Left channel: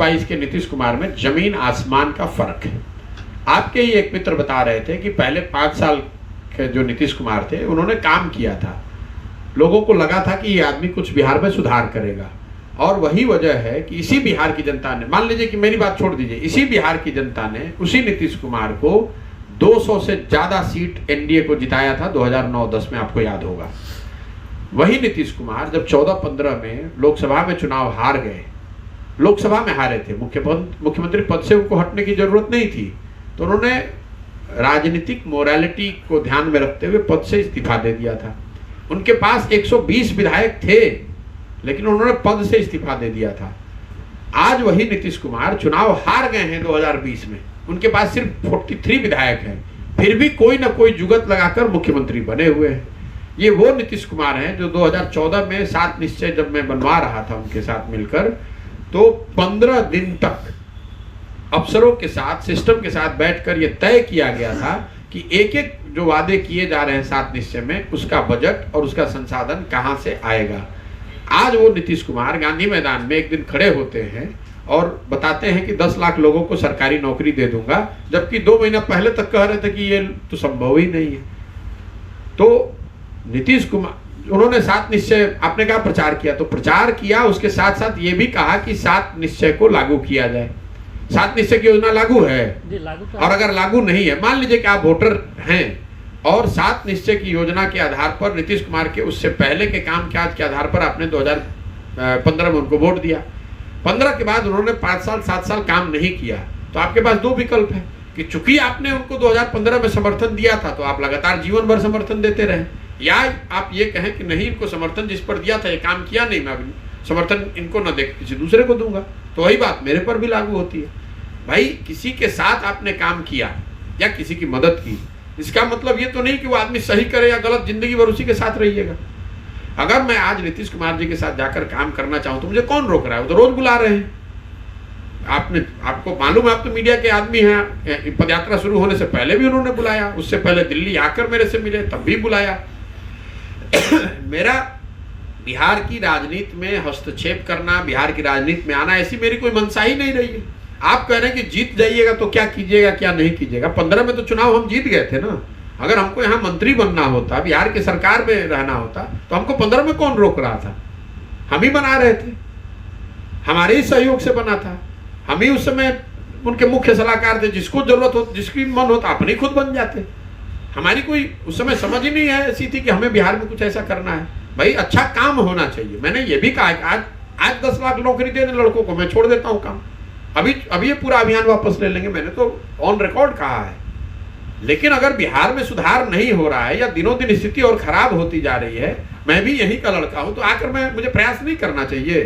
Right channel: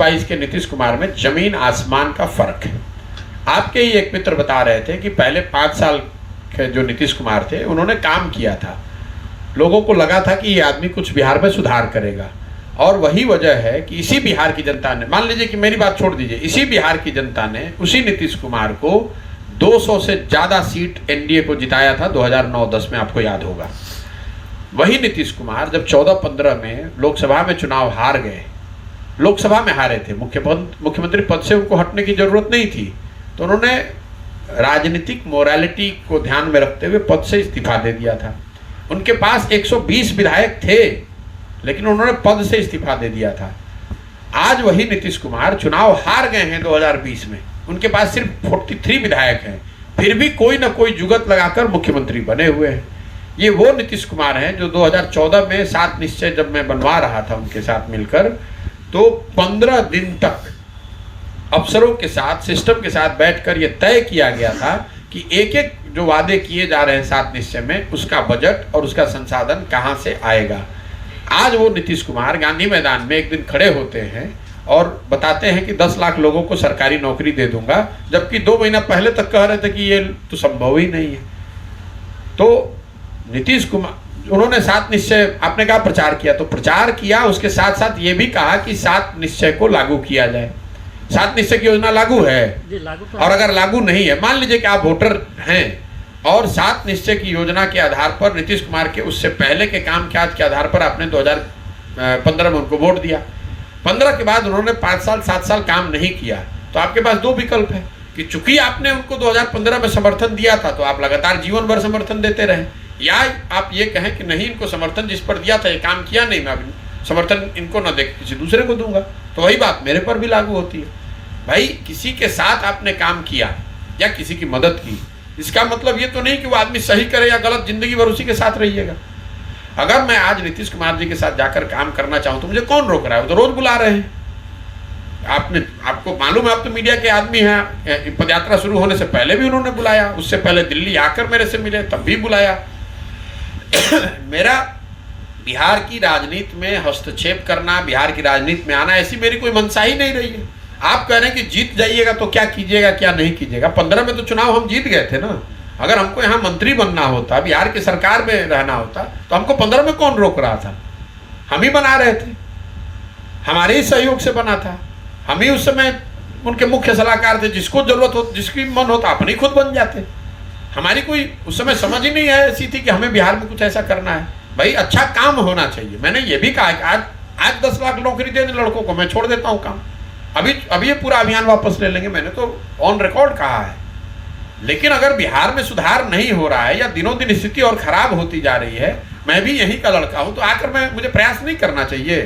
2022 के नीतीश कुमार में जमीन आसमान का फर्क है। आपके ही एक मित्र बता रहे थे कि पहले 5 साल के जो नीतीश कुमार थे उन्होंने काम किया था, लोगों को लगा था कि ये आदमी कुछ बिहार में सुधार करेगा, और वही वजह है कि इसी बिहार की जनता ने, मान लीजिए कि मेरी बात छोड़ दीजिए, इसी बिहार की जनता ने उसी नीतीश कुमार को 200 से ज़्यादा सीट एनडीए को जिताया था 2009-10 में, आपको याद होगा। वही नीतीश कुमार जब 14-15 में लोकसभा में चुनाव हार गए, लोकसभा में हारे थे, मुख्यमंत्री पद से उनको हटने की जरूरत नहीं थी, तो उन्होंने राजनीतिक मोरालिटी को ध्यान में रखते हुए पद से इस्तीफा दे दिया था। उनके पास 120 विधायक थे, लेकिन उन्होंने पद से इस्तीफा दे दिया था। आज वही नीतीश कुमार चुनाव हार गए हैं 2020 में, उनके पास सिर्फ 43 विधायक हैं, फिर भी कोई ना कोई जुगत लगाकर मुख्यमंत्री बने हुए हैं। ये वो नीतीश कुमार हैं जो 2014 में 7 निश्चय जब मैं बनवा रहा था उनके साथ मिलकर, तो 15 दिन तक अफसरों के साथ, सिस्टम के साथ बैठकर ये तय किया गया था कि एक एक जो वादे किए जा रहे हैं 7 निश्चय में, उसका बजट और उसका संसाधन कहां से आएगा। आज वो नीतीश कुमार गांधी मैदान में एक दिन खड़े होते हैं और बताते हैं कि 10 लाख लोगों को सरकारी नौकरी दे दूंगा, जबकि 2 महीना पहले तक कह रहे थे कि ये तो संभव ही नहीं है। तो नीतीश कुमार, उन्होंने 7 निश्चय, आपने कहा प्रचार किया, तो प्रचार किया, उसके साथ साथ ये भी कहा कि 7 निश्चय को लागू किया जाए। 7 निश्चय की योजना लागू है, और अगर लागू नहीं है, मान लीजिए कि आप वोटर हैं और 7 निश्चय की योजना के आधार पर नीतीश कुमार के उससे पहले के काम काज के आधार पर आपने 2015 में उनको वोट दिया, 15 के बाद उन्होंने 5 साल 7 साल काम नहीं किया, तो आपके पास 2 विकल्प है कि चूंकि आपने उनको 2015 में समर्थन दिया था तो आप लगातार जीवन भर समर्थन देते रहे, या आप ये कहें कि नहीं, इनको समर्थन जिस पर दिया था ये काम किया नहीं, मैं समर्थन इनको न दे किसी दूसरे को दूंगा। तो वही बात मेरे पर भी लागू होती है। भाई, किसी के साथ आपने काम किया या किसी की मदद की, इसका मतलब ये तो नहीं कि वो आदमी सही करे या गलत, जिंदगी भर उसी के साथ रहिएगा। अगर मैं आज नीतीश कुमार जी के साथ जाकर काम करना चाहूँ तो मुझे कौन रोक रहा है? वो तो रोज बुला रहे हैं। आपको मालूम है, आप तो मीडिया के आदमी हैं, पदयात्रा शुरू होने से पहले भी उन्होंने बुलाया, उससे पहले दिल्ली आकर मेरे से मिले तब भी बुलाया। मेरा बिहार की राजनीति में हस्तक्षेप करना, बिहार की राजनीति में आना, ऐसी मेरी कोई मंशा ही नहीं रही है। आप कह रहे हैं कि जीत जाइएगा तो क्या कीजिएगा क्या नहीं कीजिएगा। 15 में तो चुनाव हम जीत गए थे ना। अगर हमको यहाँ मंत्री बनना होता, बिहार की सरकार में रहना होता, तो हमको 15 में कौन रोक रहा था? हम ही बना रहे थे, हमारे ही सहयोग से बना था। हम ही उस समय उनके मुख्य सलाहकार थे, जिसको जरूरत हो, जिसकी मन होता अपनी खुद बन जाते। हमारी कोई उस समय समझ ही नहीं है ऐसी थी कि हमें बिहार में कुछ ऐसा करना है। भाई, अच्छा काम होना चाहिए। मैंने ये भी कहा कि आज 10 लाख नौकरी देने लड़कों को मैं छोड़ देता हूँ काम, अभी ये पूरा अभियान वापस ले लेंगे, मैंने तो ऑन रिकॉर्ड कहा है। लेकिन अगर बिहार में सुधार नहीं हो रहा है या दिनों दिन स्थिति और खराब होती जा रही है, मैं भी यहीं का लड़का हूं, तो आकर मुझे प्रयास नहीं करना चाहिए।